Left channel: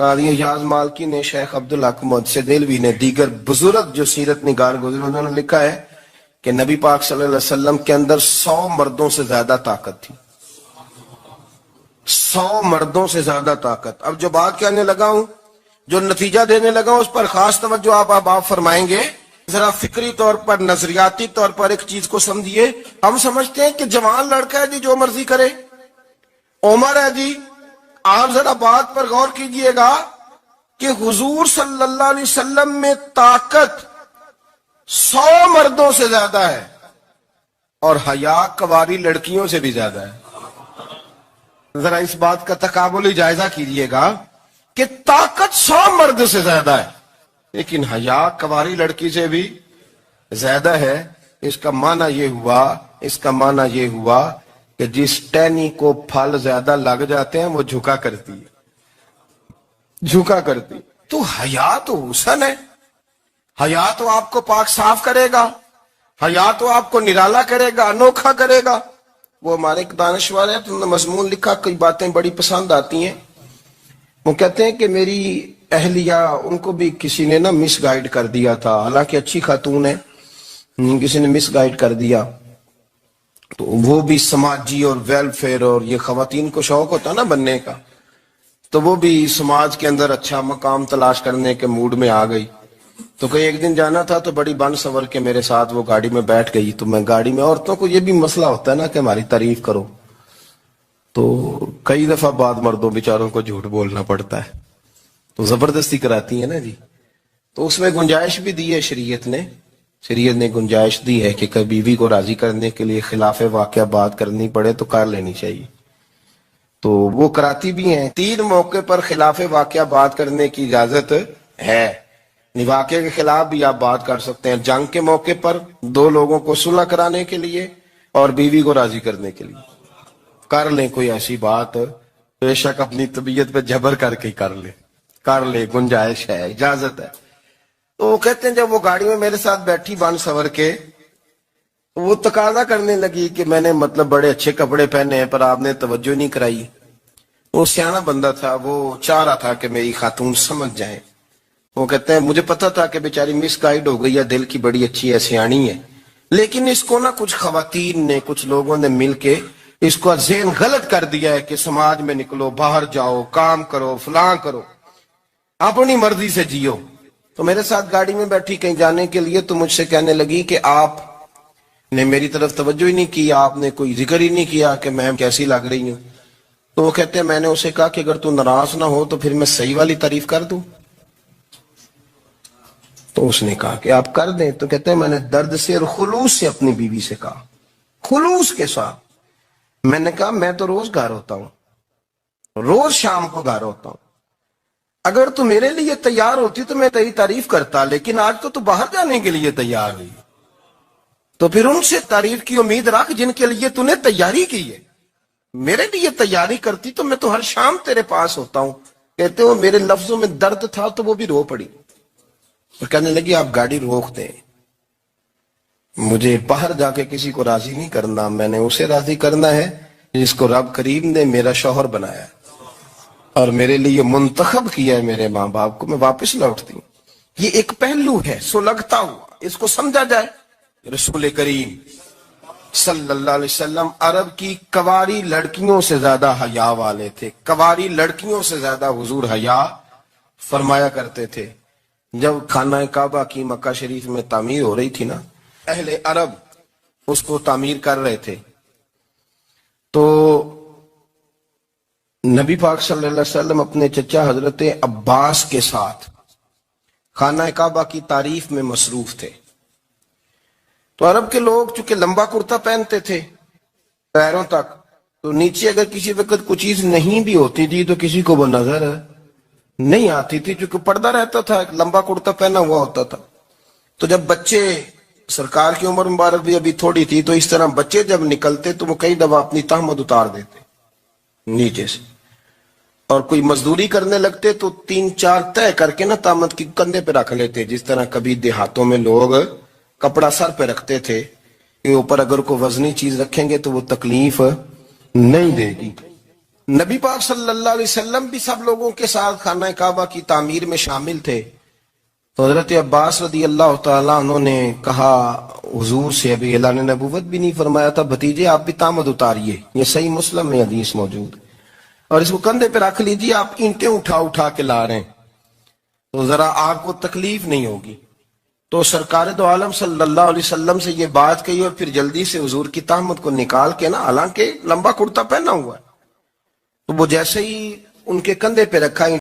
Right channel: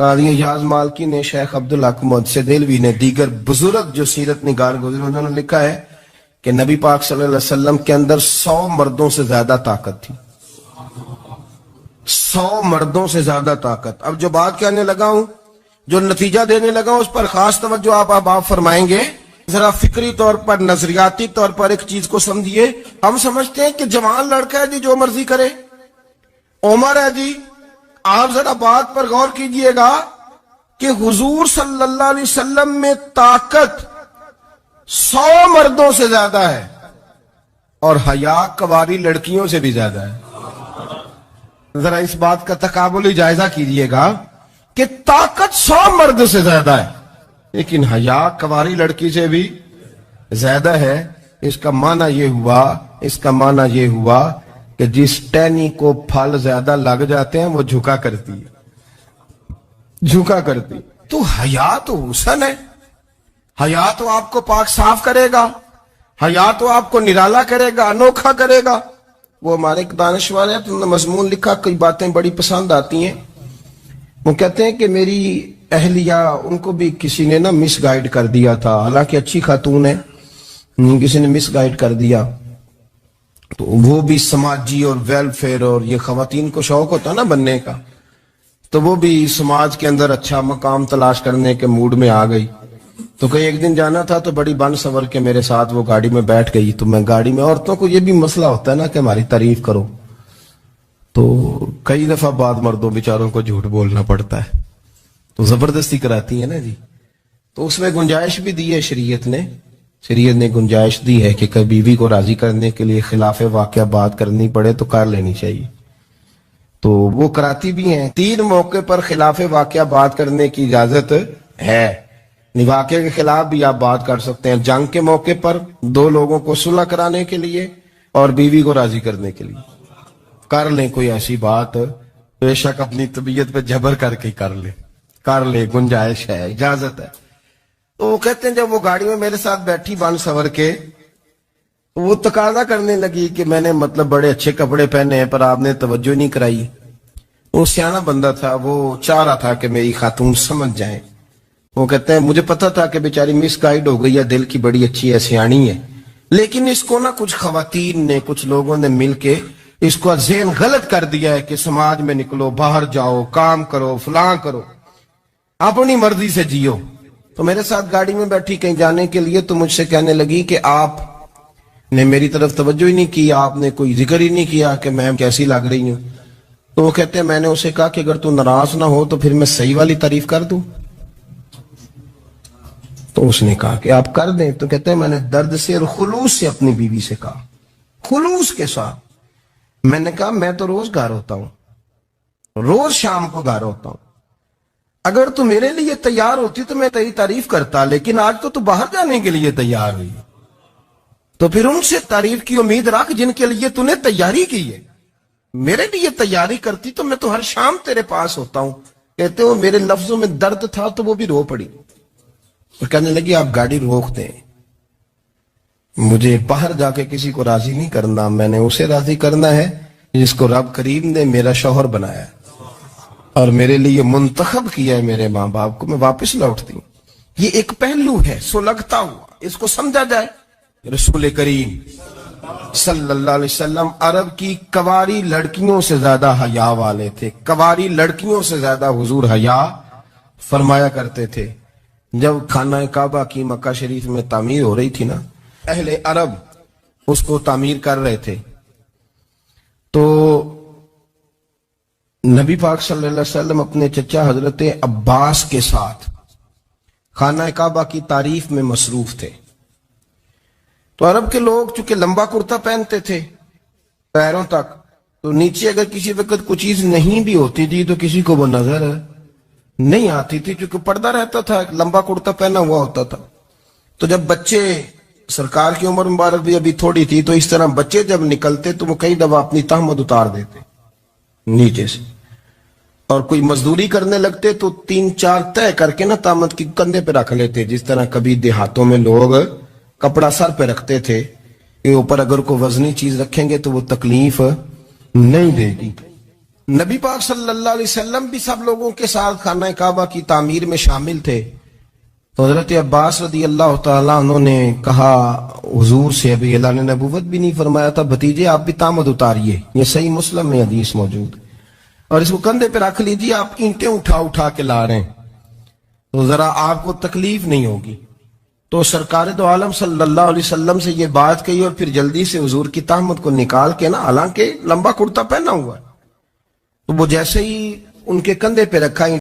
قاضی یاز مالکی نے، شیخ عبدالحق محدث دہلوی نے، دیگر بزرگ جو سیرت نگار گزرے انہوں نے لکھا ہے کہ نبی پاک صلی اللہ علیہ وسلم کے اندر 100 مردوں سے زیادہ طاقت تھی. 100 مردوں سے زیادہ طاقت. اب جو بات کہنے لگا ہوں، جو نتیجہ دینے لگا ہوں، اس پر خاص توجہ آپ فرمائیں گے. ذرا فکری طور پر، نظریاتی طور پر ایک چیز کو سمجھیے. ہم سمجھتے ہیں کہ جوان لڑکا ہے جی جو مرضی کرے، عمر ہے جی. آپ ذرا بات پر غور کیجئے گا کہ حضور صلی اللہ علیہ وسلم میں طاقت 100 مردوں سے زیادہ ہے اور حیا کواری لڑکیوں سے بھی زیادہ ہے. ذرا اس بات کا تقابلی جائزہ کیجئے گا کہ طاقت 100 مرد سے زیادہ ہے لیکن حیا کواری لڑکی سے بھی زیادہ ہے. اس کا معنی یہ ہوا کہ جس ٹہنی کو پھل زیادہ لگ جاتے ہیں وہ جھکا کرتی. تو حیا تو حسن ہے، حیا تو آپ کو پاک صاف کرے گا، حیا تو آپ کو نرالا کرے گا، انوکھا کرے گا. وہ ہمارے ایک دانشور ہیں، انہوں نے مضمون لکھا، کئی باتیں بڑی پسند آتی ہیں. وہ کہتے ہیں کہ میری اہلیہ، ان کو بھی کسی نے مس گائیڈ کر دیا تھا، حالانکہ اچھی خاتون ہے، کسی نے مس گائیڈ کر دیا. تو وہ بھی سماجی اور ویلفیئر، اور یہ خواتین کو شوق ہوتا نا بننے کا، تو وہ بھی سماج کے اندر اچھا مقام تلاش کرنے کے موڈ میں آ گئی. تو کہیں ایک دن جانا تھا تو بڑی بن سور کے میرے ساتھ وہ گاڑی میں بیٹھ گئی. تو میں گاڑی میں، عورتوں کو یہ بھی مسئلہ ہوتا ہے نا کہ ہماری تعریف کرو، تو کئی دفعہ بعد مردوں بیچاروں کو جھوٹ بولنا پڑتا ہے، تو زبردستی کراتی ہے نا جی. تو اس میں گنجائش بھی دی ہے شریعت نے گنجائش دی ہے کہ کبھی بیوی کو راضی کرنے کے لیے خلاف واقعہ بات کرنی پڑے تو کر لینی چاہیے. تو وہ کراتی بھی ہیں. 3 موقع پر خلاف واقعہ بات کرنے کی اجازت ہے. واقعے کے خلاف بھی آپ بات کر سکتے ہیں، جنگ کے موقع پر 2 لوگوں کو صلح کرانے کے لیے اور بیوی کو راضی کرنے کے لیے کر لیں کوئی ایسی بات. بے شک اپنی طبیعت پہ جبر کر کے کر لیں، گنجائش ہے، اجازت ہے. تو وہ کہتے ہیں جب وہ گاڑی میں میرے ساتھ بیٹھی بن سور کے، وہ تقاضا کرنے لگی کہ میں نے بڑے اچھے کپڑے پہنے ہیں پر آپ نے توجہ نہیں کرائی. وہ سیانا بندہ تھا، وہ چاہ رہا تھا کہ میری خاتون سمجھ جائے. وہ کہتے ہیں مجھے پتا تھا کہ بیچاری مس گائیڈ ہو گئی ہے، دل کی بڑی اچھی ہے، سیانی ہے، لیکن اس کو کچھ خواتین نے، کچھ لوگوں نے مل کے اس کو ذہن غلط کر دیا ہے کہ سماج میں نکلو، باہر جاؤ، کام کرو، فلاں کرو، اپنی مرضی سے جیو. تو میرے ساتھ گاڑی میں بیٹھی کہیں جانے کے لیے، تو مجھ سے کہنے لگی کہ آپ نے میری طرف توجہ ہی نہیں کی، آپ نے کوئی ذکر ہی نہیں کیا کہ میں کیسی لگ رہی ہوں. تو وہ کہتے ہیں میں نے اسے کہا کہ اگر تو ناراض نہ ہو تو پھر میں صحیح والی تعریف کر دوں. تو اس نے کہا کہ آپ کر دیں. تو کہتے ہیں میں نے درد سے اور خلوص سے اپنی بیوی سے کہا، خلوص کے ساتھ. میں نے کہا میں تو روز گھر ہوتا ہوں، روز شام کو گھر ہوتا ہوں، اگر تو میرے لیے تیار ہوتی تو میں تیری تعریف کرتا، لیکن آج تو باہر جانے کے لیے تیار نہیں، تو پھر ان سے تعریف کی امید رکھ جن کے لیے تو نے تیاری کی ہے. میرے لیے تیاری کرتی تو میں تو ہر شام تیرے پاس ہوتا ہوں. کہتے ہو میرے لفظوں میں درد تھا تو وہ بھی رو پڑی اور کہنے لگی آپ گاڑی روک دیں، مجھے باہر جا کے کسی کو راضی نہیں کرنا، میں نے اسے راضی کرنا ہے جس کو رب کریم نے میرا شوہر بنایا ہے اور میرے لیے منتخب کیا ہے میرے ماں باپ کو. میں واپس لوٹتی ہوں. یہ ایک پہلو ہے سلگتا ہوا، اس کو سمجھا جائے. رسول کریم صلی اللہ علیہ وسلم عرب کی کواری لڑکیوں سے زیادہ حیا والے تھے. کواری لڑکیوں سے زیادہ حضور حیا فرمایا کرتے تھے. جب خانہ کعبہ کی مکہ شریف میں تعمیر ہو رہی تھی نا، اہل عرب اس کو تعمیر کر رہے تھے، تو نبی پاک صلی اللہ علیہ وسلم اپنے چچا حضرت عباس کے ساتھ خانہ کعبہ کی تعریف میں مصروف تھے. تو عرب کے لوگ چونکہ لمبا کرتا پہنتے تھے پیروں تک، تو نیچے اگر کسی وقت کوئی چیز نہیں بھی ہوتی تھی تو کسی کو وہ نظر نہیں آتی تھی، چونکہ پردہ رہتا تھا، لمبا کرتا پہنا ہوا ہوتا تھا. تو جب بچے، سرکار کی عمر مبارک بھی ابھی تھوڑی تھی، تو اس طرح بچے جب نکلتے تو وہ کئی دفعہ اپنی تہمت اتار دیتے نیچے سے، اور کوئی مزدوری کرنے لگتے تو 3-4 طے کر کے تہمت کی کندھے پہ رکھ لیتے. جس طرح کبھی دیہاتوں میں لوگ کپڑا سر پہ رکھتے تھے کہ اوپر اگر کوئی وزنی چیز رکھیں گے تو وہ تکلیف نہیں دے گی. نبی پاک صلی اللہ علیہ وسلم بھی سب لوگوں کے ساتھ خانہ کعبہ کی تعمیر میں شامل تھے. تو حضرت عباس رضی اللہ تعالیٰ عنہ نے کہا حضور سے، ابھی اعلان نبوت بھی نہیں فرمایا تھا، بھتیجے آپ بھی تامد اتاریے. یہ صحیح مسلم میں حدیث موجود، اور اس کو کندھے پہ رکھ لیجیے، آپ اینٹیں اٹھا اٹھا کے لا رہے ہیں تو ذرا آپ کو تکلیف نہیں ہوگی. تو سرکار دو عالم صلی اللہ علیہ وسلم سے یہ بات کہی، اور پھر جلدی سے حضور کی تہمت کو نکال کے نا، حالانکہ لمبا کرتا پہنا ہوا ہے، تو وہ جیسے ہی ان کے کندھے پہ رکھا